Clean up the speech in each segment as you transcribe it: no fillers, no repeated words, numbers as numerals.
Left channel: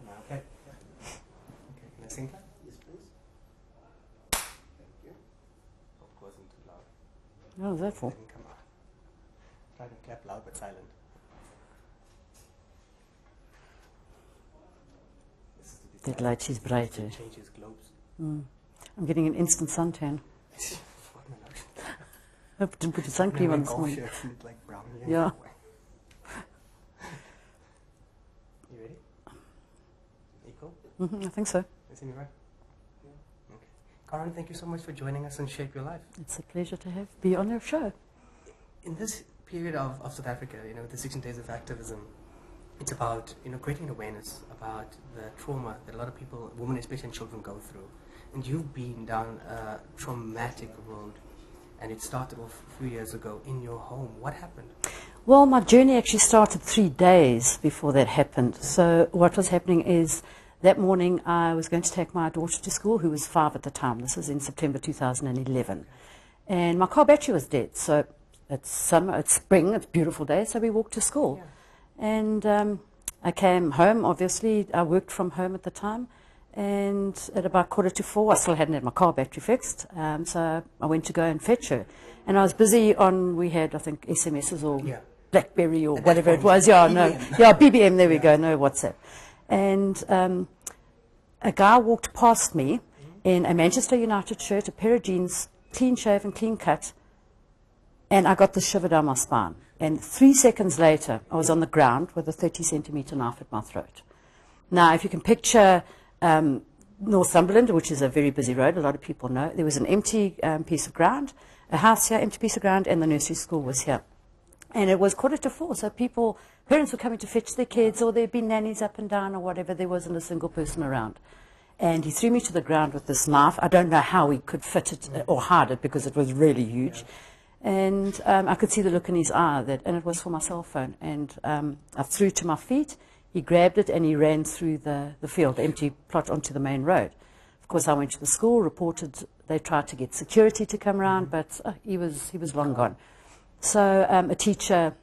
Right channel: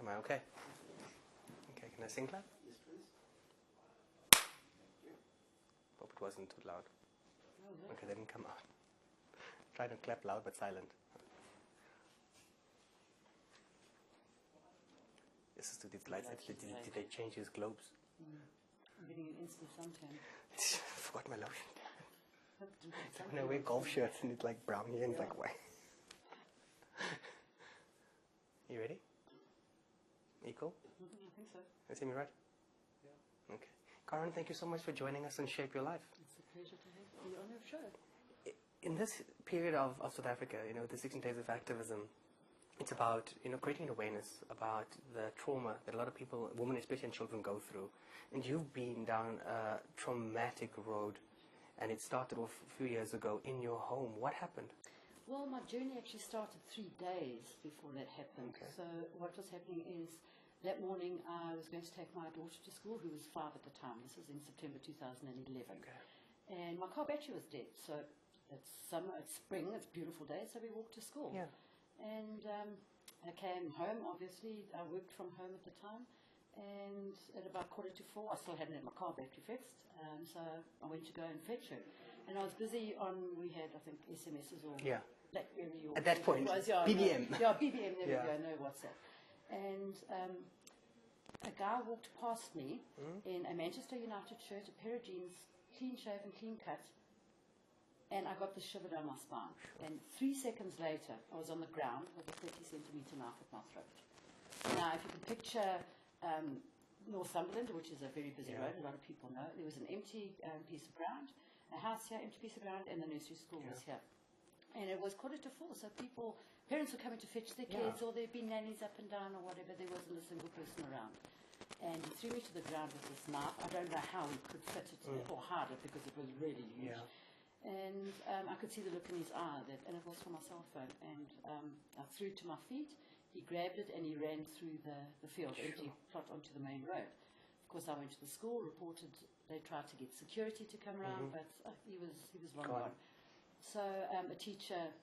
Am I okay? Okay, can I sing that? Yes, please. Thank you. Hope it wasn't too loud. What was that for? Didn't come out. Try to clap loud but silent. This is to define. That light is brighter. Changes globes. I'm getting an instant suntan. I forgot my lotion. I didn't put your sun cream on this golf morning. shirts and it's like brownie and Yeah. You ready? You cool? I think so. You see me right? Yeah. Okay. Karen, thank you so much for joining us on Shape Your Life. It's a pleasure to be on your show. In this period of South Africa, the 16 Days of Activism, it's about, creating awareness about the trauma that a lot of people, women especially and children, go through. And you've been down a traumatic road, and it started off 3 years ago in your home. What happened? Well, my journey actually started 3 days before that happened. So what was happening is that morning I was going to take my daughter to school, who was 5 at the time. This was in September 2011. And my car battery was dead. So it's summer, it's spring, it's a beautiful day, so we walked to school. Yeah. And I came home, obviously. I worked from home at the time. And at about 3:45, I still hadn't had my car battery fixed. So I went to go and fetch her. And I was busy on, we had, I think, SMSs or BlackBerry or whatever it was. Yeah, no. Yeah, BBM, there we go, no WhatsApp. And a guy walked past me in a Manchester United shirt, a pair of jeans, clean shaven, clean cut, and I got the shiver down my spine. And 3 seconds later, I was on the ground with a 30-centimetre knife at my throat. Now, if you can picture Northumberland, which is a very busy road, a lot of people know, there was an empty piece of ground, a house here, empty piece of ground, and the nursery school was here. And it was 3:45, so parents were coming to fetch their kids, or there'd been nannies up and down or whatever. There wasn't a single person around. And he threw me to the ground with this knife. I don't know how he could fit it or hide it, because it was really huge. And I could see the look in his eye, and it was for my cell phone. And I threw to my feet. He grabbed it and he ran through the field, the empty plot, onto the main road. Of course, I went to the school, reported. They tried to get security to come around, but he was long gone. So a teacher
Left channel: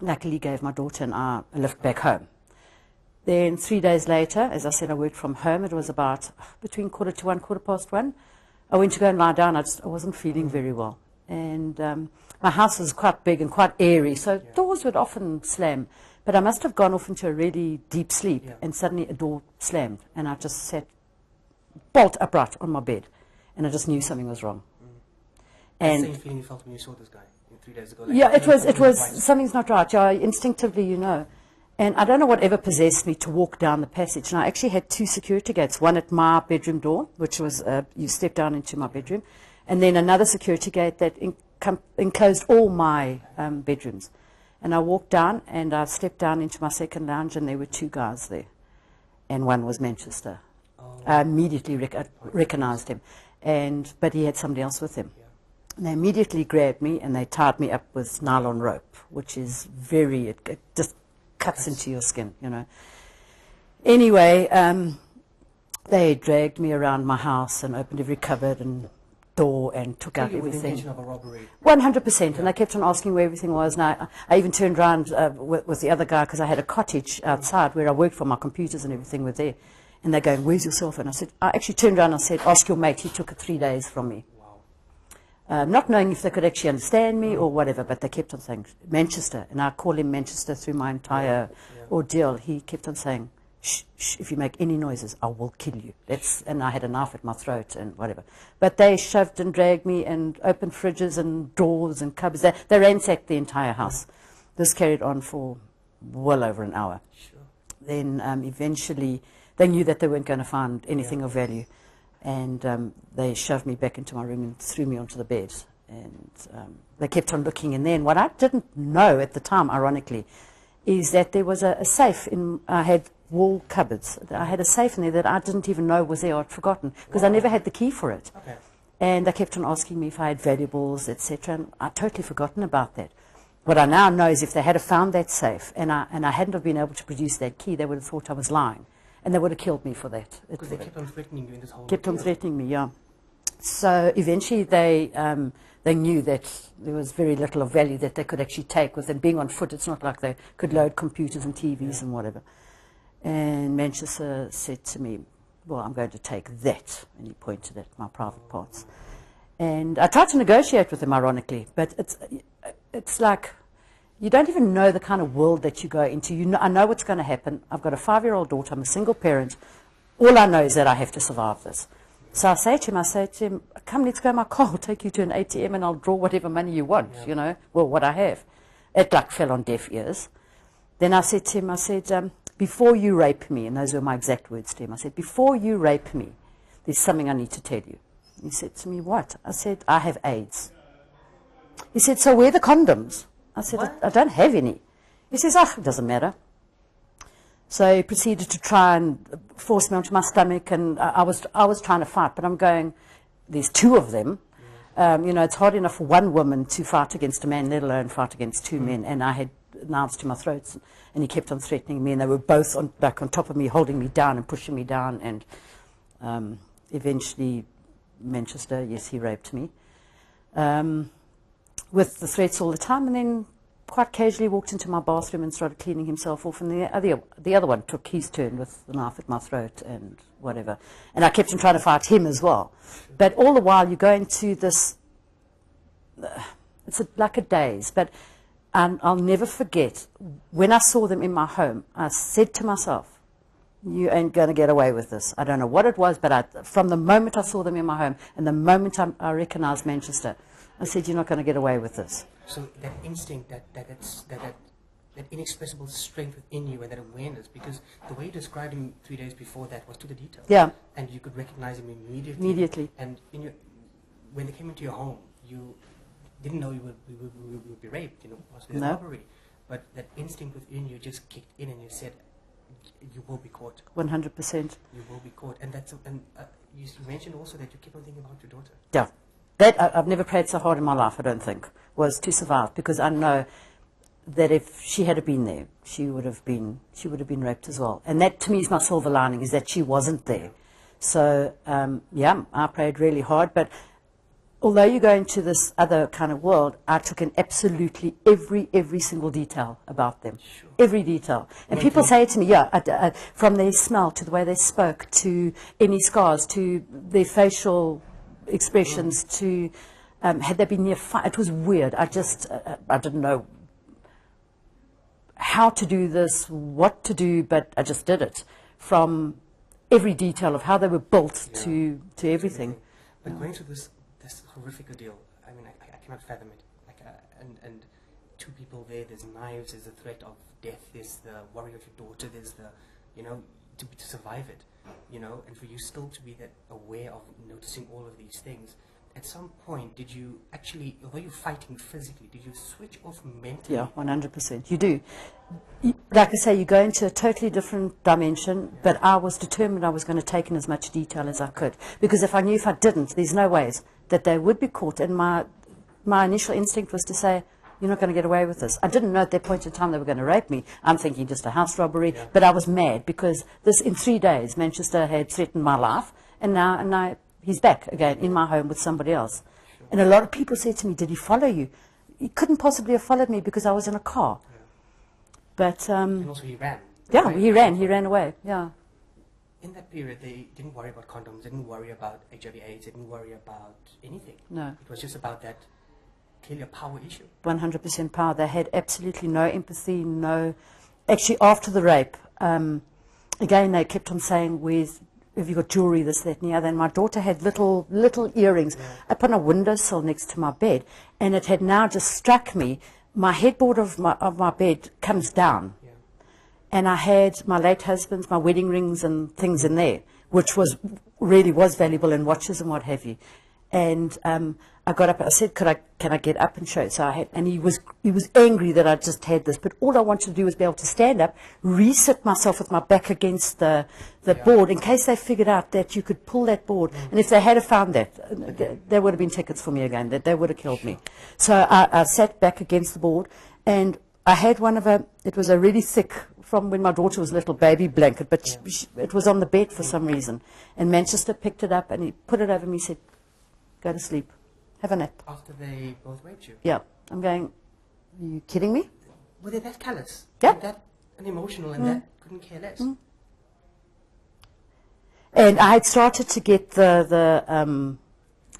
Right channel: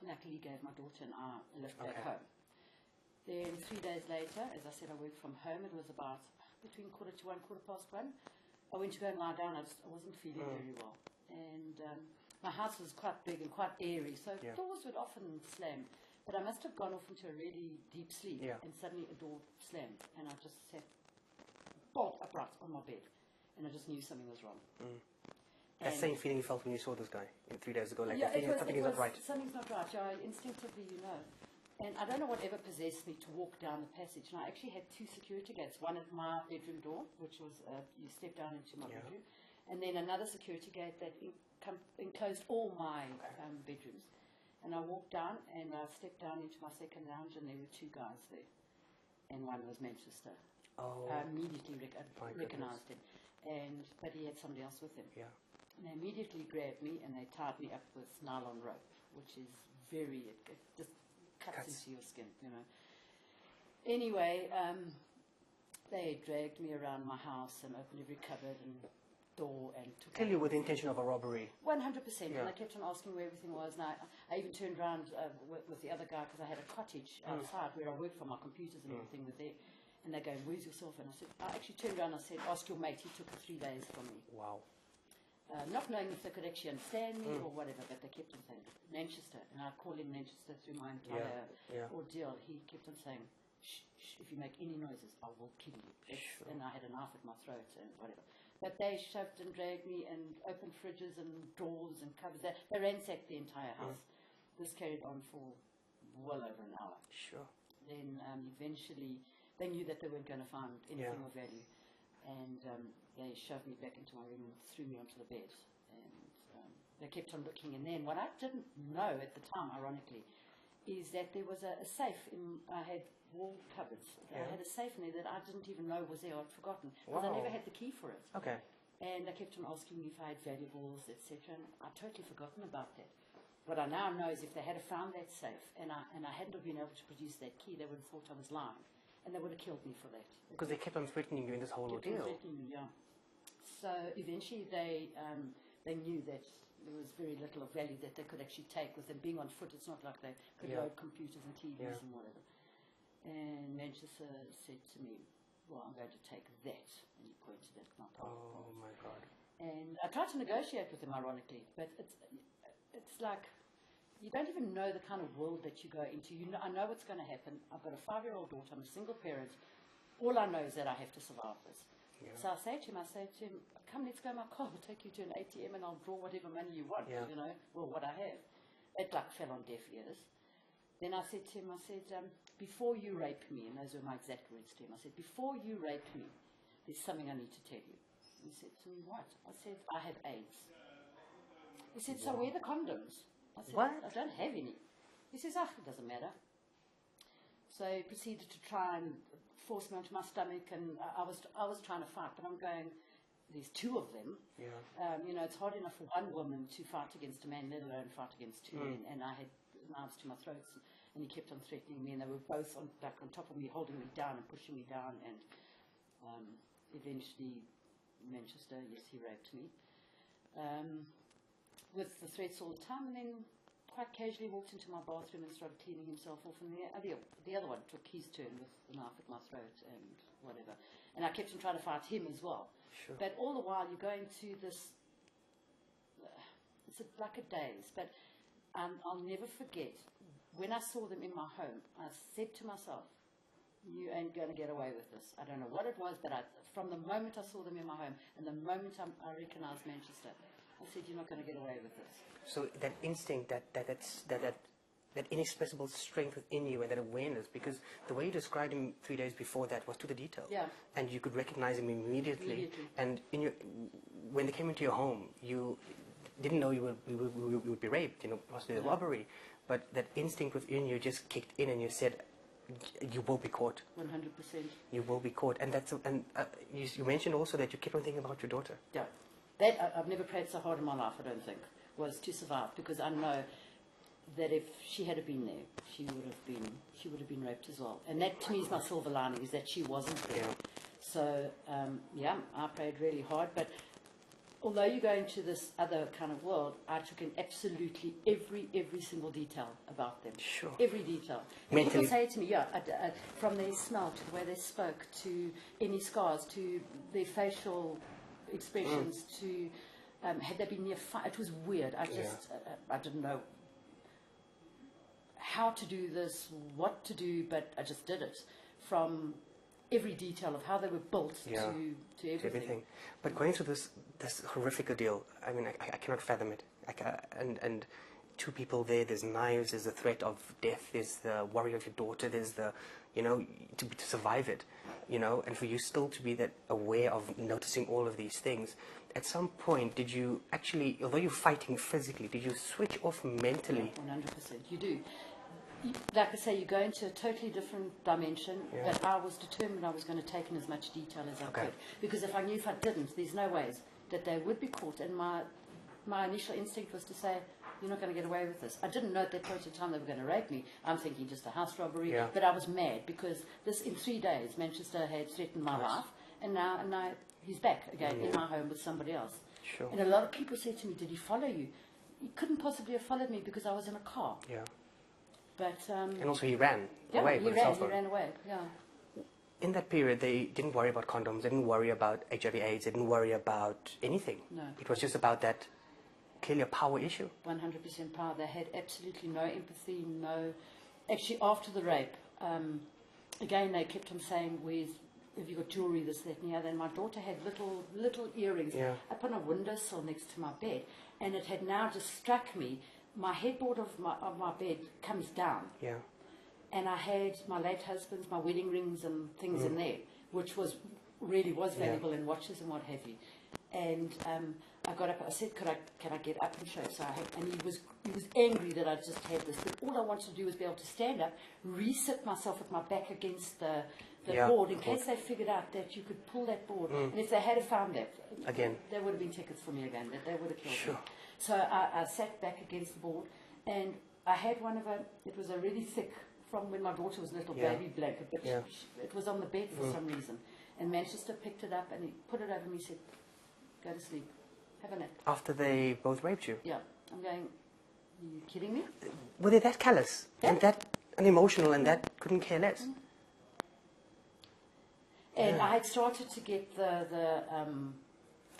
luckily gave my daughter and I a lift back home. Then 3 days later, as I said, I worked from home. It was about between 1:45, 1:15. I went to go and lie down. I wasn't feeling very well. And my house was quite big and quite airy, so doors would often slam. But I must have gone off into a really deep sleep, and suddenly a door slammed, and I just sat bolt upright on my bed, and I just knew something was wrong. And the same feeling you felt when you saw this guy 3 days ago? Like, yeah, it was something's not right. Yeah, instinctively, you know. And I don't know whatever possessed me to walk down the passage. And I actually had 2 security gates, one at my bedroom door, which was, you step down into my bedroom, and then another security gate that enclosed all my bedrooms. And I walked down, and I stepped down into my second lounge, and there were 2 guys there. And one was Manchester. I immediately recognized him. But he had somebody else with him. And they immediately grabbed me, and they tied me up with nylon rope, which is it just cuts into your skin, you know. Anyway, they dragged me around my house and opened every cupboard and door and took out everything. With the intention of a robbery. 100%, and they kept on asking where everything was. And I even turned around with the other guy, because I had a cottage outside where I worked for. My computers and everything were there. And they're going, "Where's your cell phone?" I actually turned around and I said, "Ask your mate, he took it 3 days from me." Wow. Not knowing if they could actually understand me or whatever, but they kept on saying, "Manchester," and I call him Manchester through my entire ordeal. He kept on saying, "Shh, shh, if you make any noises, I will kill you." And I had a knife at my throat and whatever. But they shoved and dragged me and opened fridges and drawers and cupboards. They ransacked the entire house. This carried on for well over an hour. Sure. Then eventually they knew that they weren't going to find anything of value. And they shoved me back into my room and threw me onto the bed. And they kept on looking in there. And what I didn't know at the time, ironically, is that there was a safe I had wall cupboards. I had a safe in there that I didn't even know was there. I'd forgotten, because I never had the key for it. Okay. And they kept on asking me if I had valuables, etc. And I'd totally forgotten about that. What I now know is if they had have found that safe and I hadn't have been able to produce that key, they would have thought I was lying. And they would have killed me for that. Because they kept on threatening you in this whole... Kept on threatening me, yeah. So eventually they knew that there was very little of value that they could actually take. With them being on foot, it's not like they could load computers and TVs and whatever. And Manchester said to me, well, I'm going to take that. And he pointed at my private parts. And I tried to negotiate with him, ironically, but it's like you don't even know the kind of world that you go into. I know what's going to happen. I've got a 5-year-old daughter. I'm a single parent. All I know is that I have to survive this. So I say to him, come, let's go in my car. I'll take you to an ATM and I'll draw whatever money you want, you know, well, what I have. It like fell on deaf ears. Then I said to him, before you rape me, and those were my exact words to him, I said, before you rape me, there's something I need to tell you. He said to me, what? I said, I have AIDS. He said, so where are the condoms? I said, I don't have any. He says, it doesn't matter. So he proceeded to try and force me onto my stomach, and I was trying to fight, but I'm going, there's 2 of them. You know, it's hard enough for one woman to fight against a man, let alone fight against 2 men, and I had knives to my throat, and he kept on threatening me, and they were both on top of me, holding me down and pushing me down, and eventually Manchester, yes, he raped me, with the threats all the time, and then quite casually walked into my bathroom and started cleaning himself off, and the other one took his turn with the knife at my throat and whatever. And I kept on trying to fight him as well. But all the while you go into this, it's like a daze. But I'll never forget, when I saw them in my home, I said to myself, you ain't going to get away with this. I don't know what it was, but from the moment I saw them in my home and the moment I recognized Manchester, I said, you're not going to get away with this. So that instinct, that inexpressible strength within you and that awareness, because the way you described him 3 days before that was to the detail. Yeah. And you could recognize him immediately. Immediately. And when they came into your home, you didn't know you would be raped, you know, possibly a robbery. But that instinct within you just kicked in and you said, you will be caught. 100%. You will be caught. And you mentioned also that you kept on thinking about your daughter. Yeah. I've never prayed so hard in my life, I don't think, was to survive, because I know that if she had been there, she would have been raped as well. And that, to me, is my silver lining, is that she wasn't there. So, yeah, I prayed really hard. But although you go into this other kind of world, I took in absolutely every single detail about them. Sure. Every detail. And people say to me, from their smell to the way they spoke, to any scars, to their facial expressions, to had they been near fire. It was weird. I didn't know how to do this, what to do, but I just did it, from every detail of how they were built to everything. But going through this horrific ordeal, I mean, I cannot fathom it. And 2 people there, there's knives, there's the threat of death, there's the worry of your daughter, there's the, you know, to survive it, you know, and for you still to be that aware of noticing all of these things. At some point, did you actually, although you're fighting physically, did you switch off mentally? Yeah, 100%. You do. Like I say, you go into a totally different dimension, but I was determined I was going to take in as much detail as I could. Because if I knew if I didn't, there's no ways that they would be caught. And my initial instinct was to say, you're not going to get away with this. I didn't know at that point in time they were going to rape me. I'm thinking just a house robbery. Yeah. But I was mad because in 3 days, Manchester had threatened my life. And now he's back again in my home with somebody else. Sure. And a lot of people said to me, did he follow you? He couldn't possibly have followed me because I was in a car. Yeah. But, and also he ran. Yeah, he ran away, yeah. In that period, they didn't worry about condoms, they didn't worry about HIV/AIDS, they didn't worry about anything. No. It was just about that, clearly a power issue. 100% power. They had absolutely no empathy, Actually, after the rape, again, they kept on saying, have you got jewelry, this, that, and the other? And my daughter had little earrings up on a windowsill next to my bed, and it had now just struck me. My headboard of my bed comes down, and I had my late husband's, my wedding rings and things in there, which really was valuable, and watches and what have you. And I got up. I said, "Can I get up and show it?" So I had, and he was angry that I just had this. But all I wanted to do was be able to stand up, reset myself with my back against the board, in case they figured out that you could pull that board. And if they had found that, there would have been tickets for me again. That they would have killed me. So I sat back against the board, and I had it was a really thick, from when my daughter was a little baby blanket, but it was on the bed for some reason. And Manchester picked it up and he put it over me and said, "Go to sleep. Have a nap." After they both raped you? Yeah. I'm going, are you kidding me? Were they that callous? Yeah. And that unemotional and that couldn't care less? And I had started to get the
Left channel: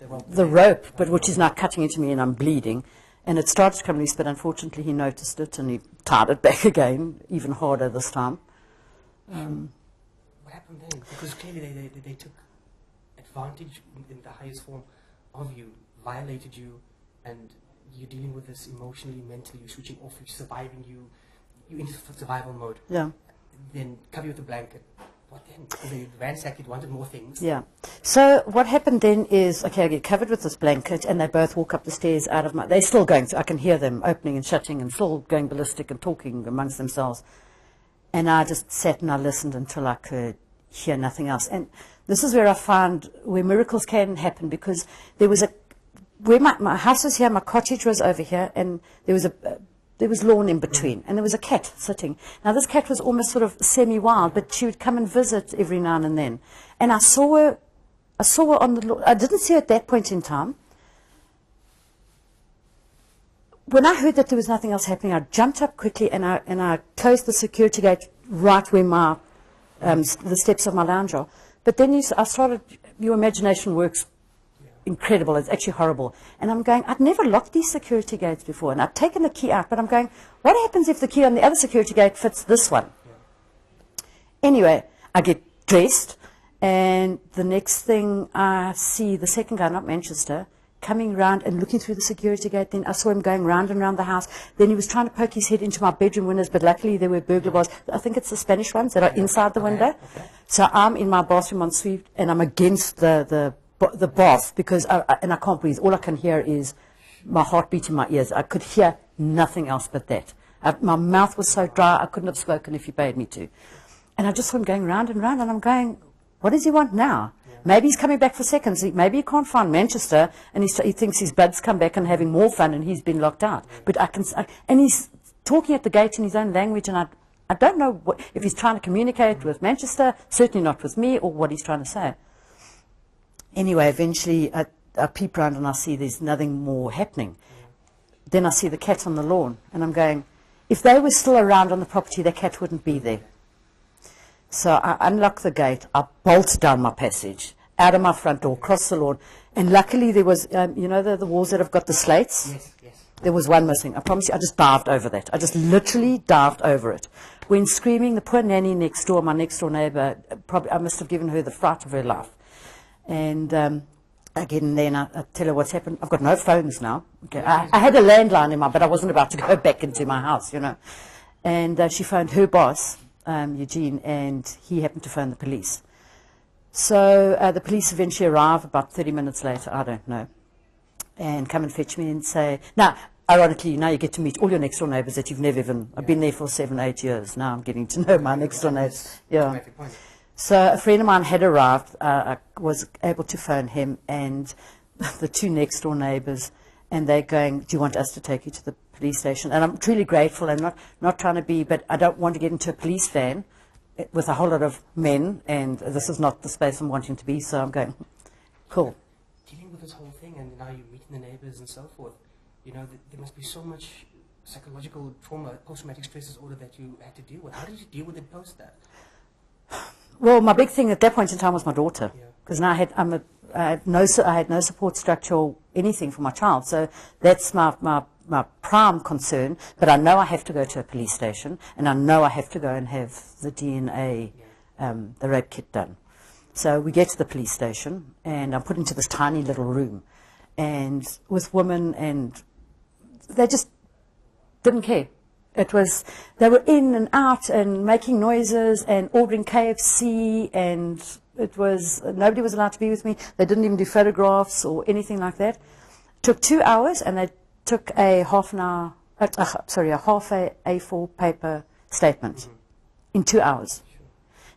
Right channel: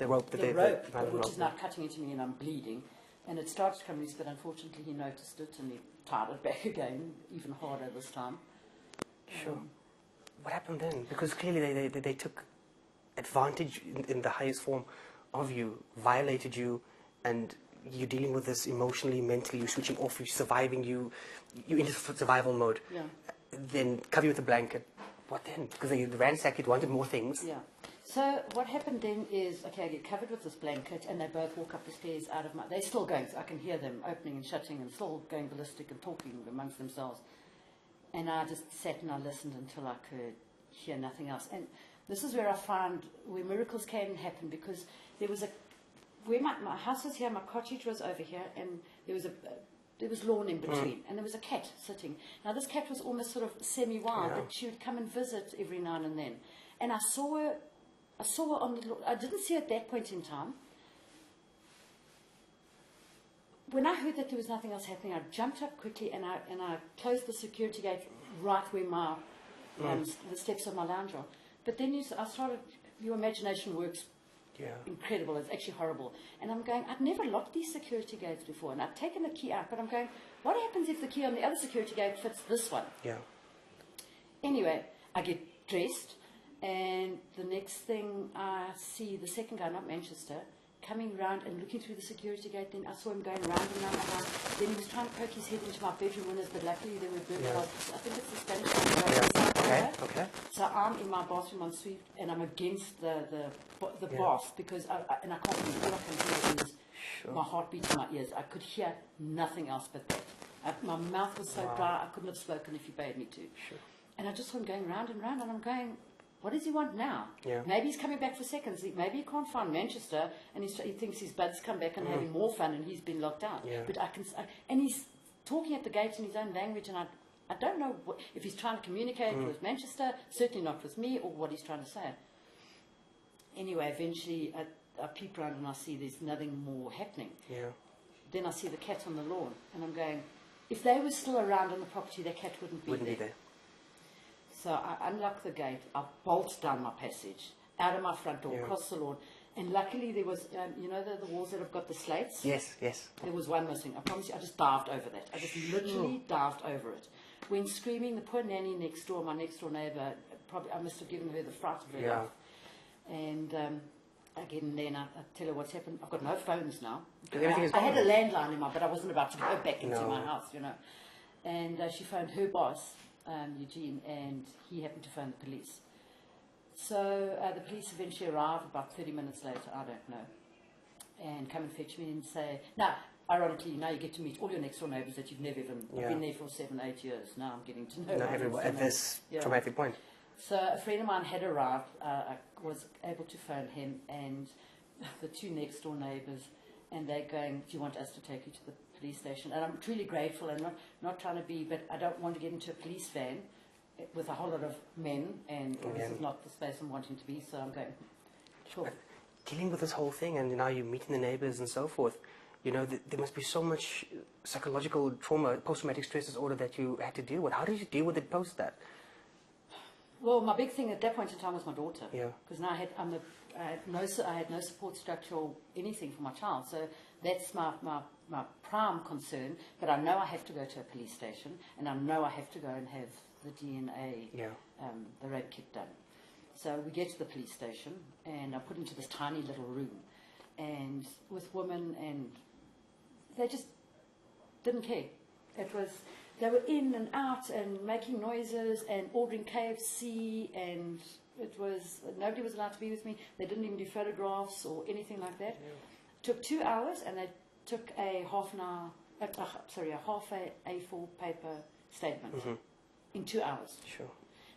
rope, but which rope. is now cutting into me and I'm bleeding. And it started to come loose, but unfortunately he noticed it and he tied it back again, even harder this time. What happened then? Because clearly they took advantage in the highest form of you, violated you, and you're dealing with this emotionally, mentally, you're switching off, you're surviving, you're into survival mode. Yeah. Then cover you with a blanket. What then? Because they ransacked it, wanted more things. Yeah. So what happened then is, okay, I get covered with this blanket and they both walk up the stairs out of my... They're still going, so I can hear them opening and shutting and still going ballistic and talking amongst themselves. And I just sat and I listened until I could hear nothing else. And this is where I found where miracles can happen, because there was a... Where my house was here, my cottage was over here, and there was lawn in between, and there was a cat sitting. Now, this cat was almost sort of semi-wild, but she would come and visit every now and then. And I saw her on the lawn. I didn't see her at that point in time. When I heard that there was nothing else happening, I jumped up quickly and I closed the security gate right where my the steps of my lounge are. But then I started, your imagination works incredible. It's actually horrible. And I'm going, I'd never locked these security gates before. And I've taken the key out, but I'm going, what happens if the key on the other security gate fits this one? Yeah. Anyway, I get dressed, and the next thing I see the second guy, not Manchester, coming round and looking through the security gate. Then I saw him going round and round the house. Then he was trying to poke his head into my bedroom windows, but luckily there were burglar bars. I think it's the Spanish ones that are inside the window. Okay. So I'm in my bathroom en suite, and I'm against the bath, because and I can't breathe. All I can hear is my heartbeat in my ears. I could hear nothing else but that. My mouth was so dry, I couldn't have spoken if he paid me to. And I just saw him going round and round, and I'm going, what does he want now? Yeah. Maybe he's coming back for seconds. Maybe he can't find Manchester, and he thinks his buds come back and having more fun, and he's been locked out. Yeah. But and he's talking at the gate in his own language, and I don't know if he's trying to communicate with Manchester, certainly not with me, or what he's trying to say. Anyway, eventually I peep round and I see there's nothing more happening. Yeah. Then I see the cat on the lawn, and I'm going, if they were still around on the property, the cat wouldn't be there. So I unlock the gate, I bolt down my passage, out of my front door, across the lawn, and luckily there was, you know the walls that have got the slates? Yes, yes. There was one missing. I promise you, I just dived over that. I just literally dived over it. When screaming, the poor nanny next door, my next door neighbour, probably I must have given her the fright of her life. And I get in there and I tell her what's happened. I've got no phones now. Okay. I had a landline in my, but I wasn't about to go back into my house, you know. And she phoned her boss, Eugene, and he happened to phone the police. So the police eventually arrive about 30 minutes later, I don't know, and come and fetch me and say, now, ironically, now you get to meet all your next door neighbours that you've never even, I've been there for 7, 8 years. Now I'm getting to know my next door neighbours. Yeah. So a friend of mine had arrived. I was able to phone him and the two next door neighbours, and they're going, do you want us to take you to the police station? And I'm truly grateful. I'm not trying to be, but I don't want to get into a police van with a whole lot of men, and this is not the space I'm wanting to be, so I'm going, cool. Dealing with this whole thing, and now you're meeting the neighbours and so forth, you know, there must be so much psychological trauma, post-traumatic stress disorder that you had to deal with. How did you deal with it post that? Well, my big thing at that point in time was my daughter, because now I had no support structure or anything for my child. So that's my prime concern. But I know I have to go to a police station, and I know I have to go and have the DNA, the rape kit done. So we get to the police station, and I'm put into this tiny little room, and with women, and they just didn't care. It was, they were in and out and making noises and ordering KFC, and it was, nobody was allowed to be with me. They didn't even do photographs or anything like that. It took 2 hours, and they took a half a A4 paper statement in 2 hours. Sure.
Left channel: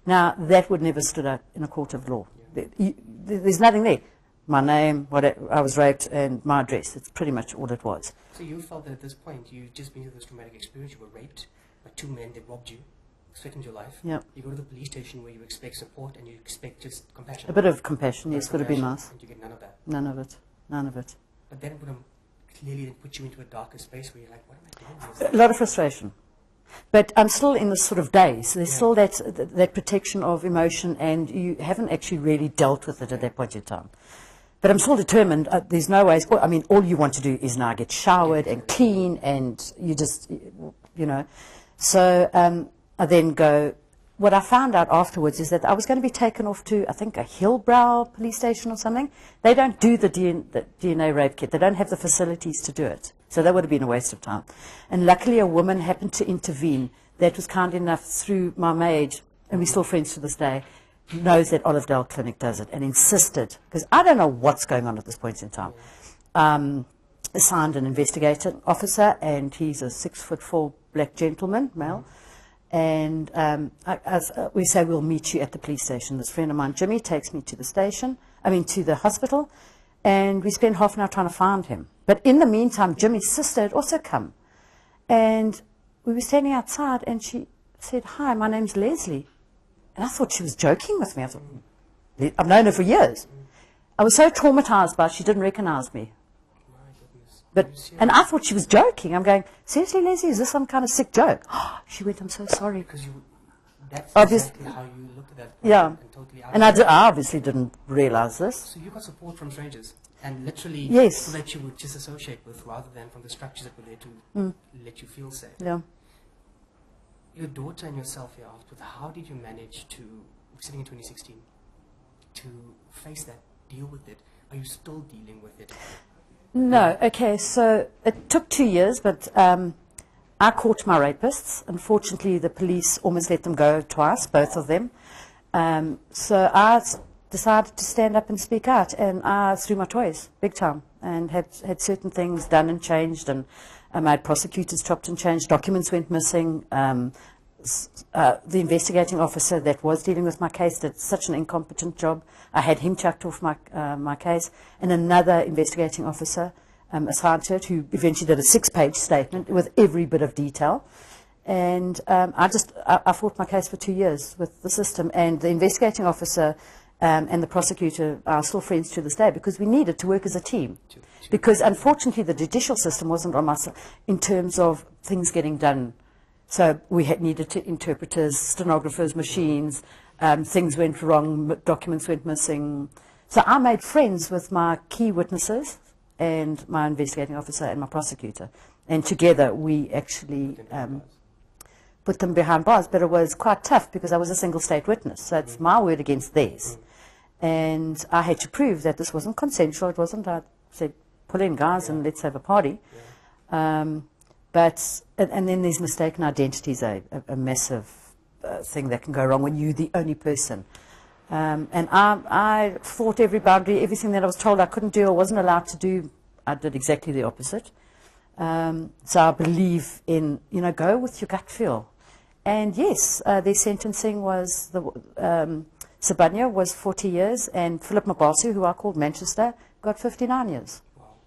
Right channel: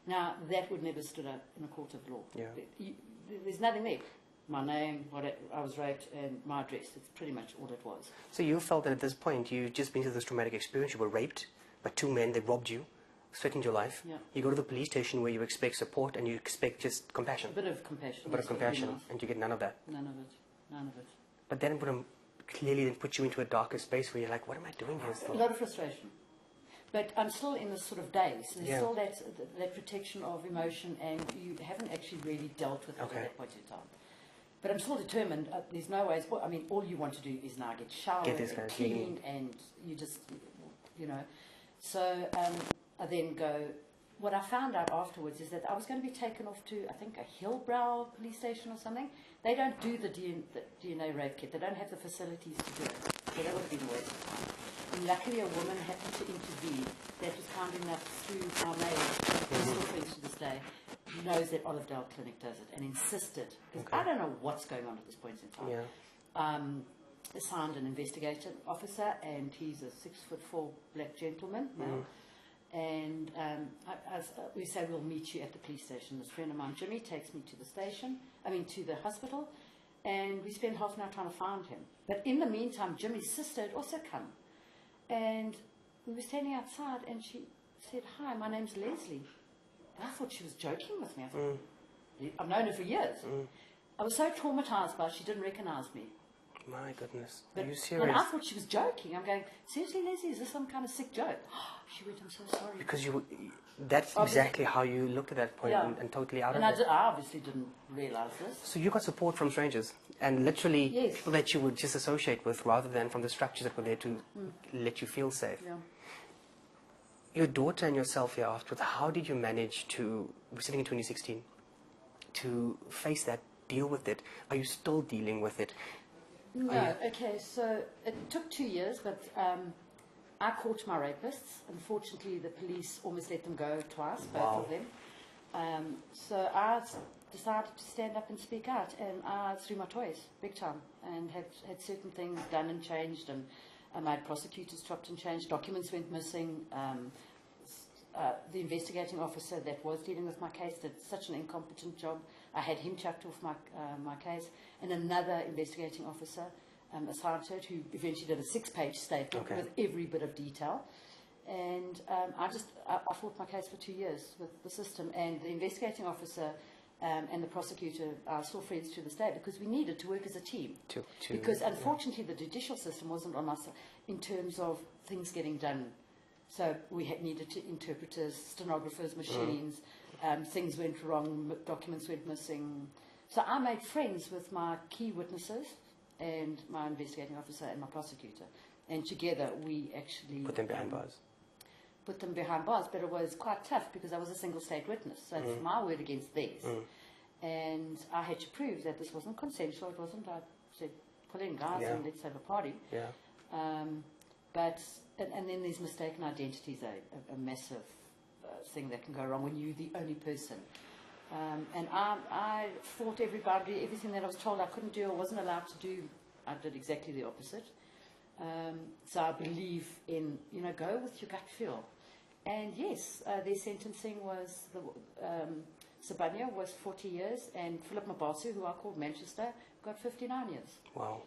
Now, that would never stood up in a court of law. Yeah. There's nothing there. My name, I was raped, and my address. It's pretty much all it was. So you felt that at this point, you'd just been through this traumatic experience. You were raped by 2 men. They robbed you, threatened your life. Yeah. You go to the police station where you expect support and you expect just compassion. A bit of compassion, yes, would have been nice. And you get none of that. None of it. None of it. But then it would have clearly then put you into a darker space where you're like, what am I doing here? A lot of frustration. But I'm still in this sort of daze. So there's Yeah. still that protection of emotion, and you haven't actually really dealt with it at that point in time. But I'm still determined. There's no ways. I mean, all you want to do is now get showered and clean, and you just, you know. So I then go. What I found out afterwards is that I was going to be taken off to, I think, a Hillbrow police station or something. They don't do the DNA rape kit. They don't have the facilities to do it. So that would have been a waste of time. And luckily a woman happened to intervene that was kind enough through my maid, and we're still friends to this day, knows that Olivedale Clinic does it, and insisted, because I don't know what's going on at this point in time. Yeah. Assigned an investigator officer, and he's a 6'4" black gentleman, male. And we say, we'll meet you at the police station. This friend of mine, Jimmy, takes me to the station, to the hospital, and we spend half an hour trying to find him. But in the meantime, Jimmy's sister had also come. And we were standing outside, and she said, "Hi, my name's Leslie." And I thought she was joking with me. I thought, I've known her for years. I was so traumatized by it, she didn't recognize me. My goodness. But, Are you serious? and I thought she was joking. I'm going, "Seriously, Leslie, is this some kind of sick joke?" She went, "I'm so sorry." Because that's Obvious- exactly how you looked at that point, Yeah. and totally out. And I obviously didn't realize this. So you got support from strangers, and literally Yes. people that you would just associate with, rather than from the structures that were there to let you feel safe. Yeah. Your daughter and yourself here afterwards, how did you manage to, we're sitting in 2016, to face that, deal with it? Are you still dealing with it? No, okay, so it took 2 years, but I caught my rapists. Unfortunately, the police almost let them go twice, both of them. So I decided to stand up and speak out, and I threw my toys, big time, and had certain things done and changed, and I made prosecutors chopped and changed, documents went missing. The investigating officer that was dealing with my case did such an incompetent job. I had him chucked off my case, and another investigating officer assigned to it, who eventually did a 6-page statement with every bit of detail. And I fought my case for 2 years with the system, and the investigating officer and the prosecutor are still friends to this day, because we needed to work as a team. Because unfortunately the judicial system wasn't on my side in terms of things getting done. So we needed to interpreters, stenographers, machines, things went wrong, documents went missing. So I made friends with my key witnesses and my investigating officer and my prosecutor. And together we actually put them behind bars. But it was quite tough because I was a single state witness. So it's my word against theirs. And I had to prove that this wasn't consensual. It wasn't, I said, pull in guys and let's have a party. And then there's mistaken identities, a massive thing that can go wrong when you're the only person. And I fought every boundary, everything that I was told I couldn't do or wasn't allowed to do, I did exactly the opposite. So I believe in, go with your gut feel. And yes, their sentencing was, Sabanya was 40 years, and Philip Mabasu, who I called Manchester, got 59 years. Wow.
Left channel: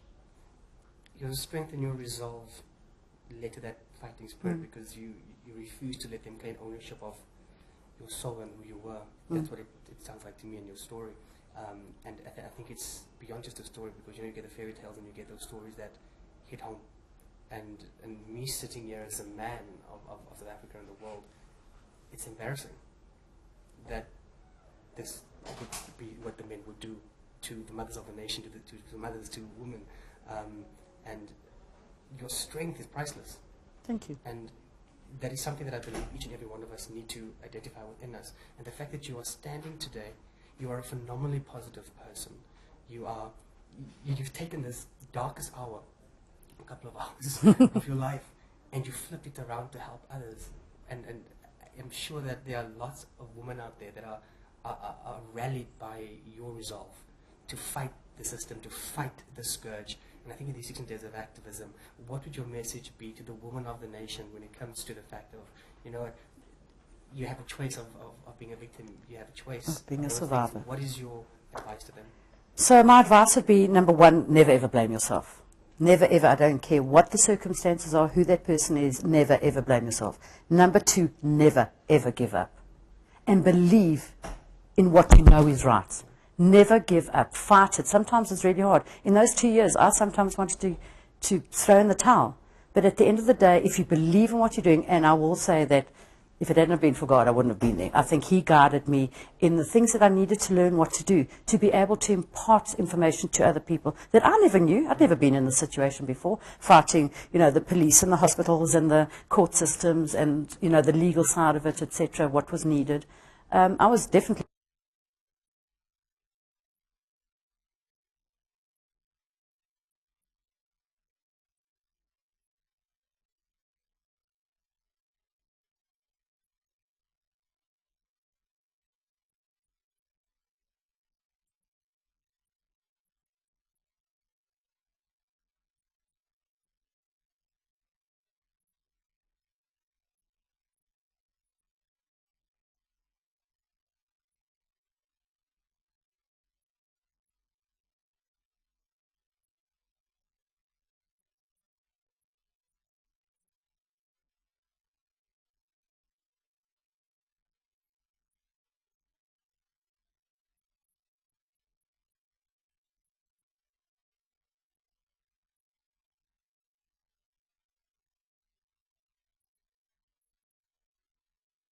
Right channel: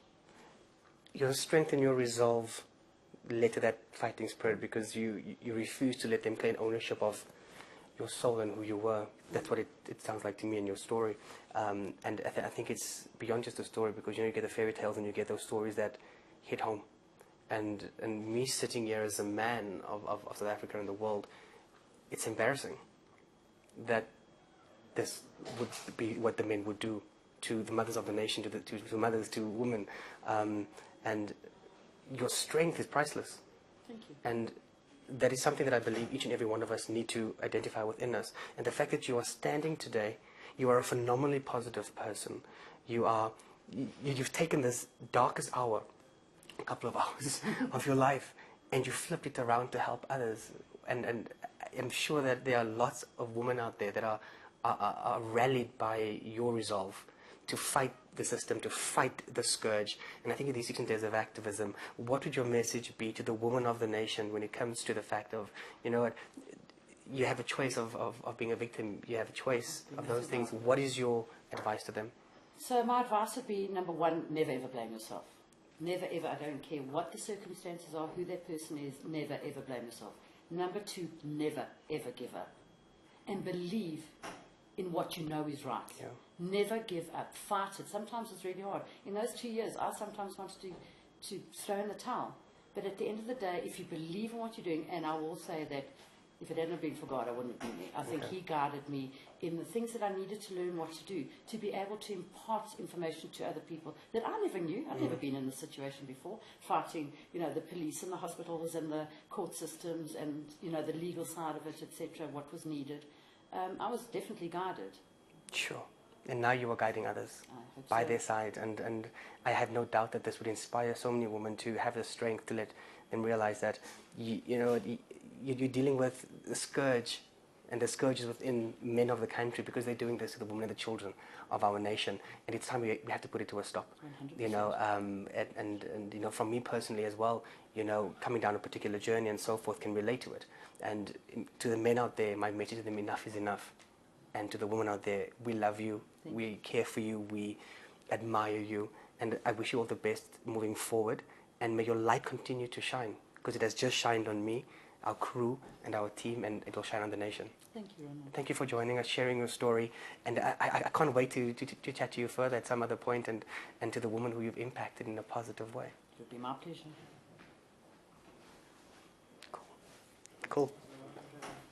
Your strength and your resolve led to that fighting spirit, because you refused to let them claim ownership of your soul and who you were. That's what it sounds like to me in your story. And I think it's beyond just a story, because you get the fairy tales and you get those stories that hit home. And me sitting here as a man of South Africa and the world, it's embarrassing that this would be what the men would do to the mothers of the nation, to mothers, to women. And your strength is priceless. Thank you. And that is something that I believe each and every one of us need to identify within us. And the fact that you are standing today, you are a phenomenally positive person. You've taken this darkest hour, a couple of hours of your life, and you flipped it around to help others. And I'm sure that there are lots of women out there that are rallied by your resolve to fight the system, to fight the scourge. And I think in these 16 days of activism, what would your message be to the women of the nation when it comes to the fact of, you have a choice of being a victim, you have a choice of being of a those survivor. things. What is your advice to them? So my advice would be, number one, never ever blame yourself. Never ever, I don't care what the circumstances are, who that person is, never ever blame yourself. Number two, never ever give up. And believe in what you know is right. Yeah. Never give up. Fight it. Sometimes it's really hard. In those 2 years, I sometimes wanted to throw in the towel. But at the end of the day, if you believe in what you're doing, and I will say that if it hadn't been for God, I wouldn't have been there. I think He guided me in the things that I needed to learn what to do, to be able to impart information to other people that I never knew. I'd never been in this situation before, fighting, the police and the hospitals and the court systems and, the legal side of it, etc., what was needed. I was definitely guided. Sure. And now you are guiding others by their side. And I have no doubt that this would inspire so many women to have the strength to let them realize that, you're dealing with the scourge, and the scourge is within men of the country because they're doing this to the women and the children of our nation. And it's time we have to put it to a stop. 100%. And from me personally as well, coming down a particular journey and so forth, can relate to it. And to the men out there, my message to them, enough is enough. And to the women out there, we love you, we care for you, we admire you, and I wish you all the best moving forward, and may your light continue to shine, because it has just shined on me, our crew, and our team, and it will shine on the nation. Thank you, Ronald. Thank you for joining us, sharing your story, and I can't wait to chat to you further at some other point, and to the woman who you've impacted in a positive way. It would be my pleasure. Cool.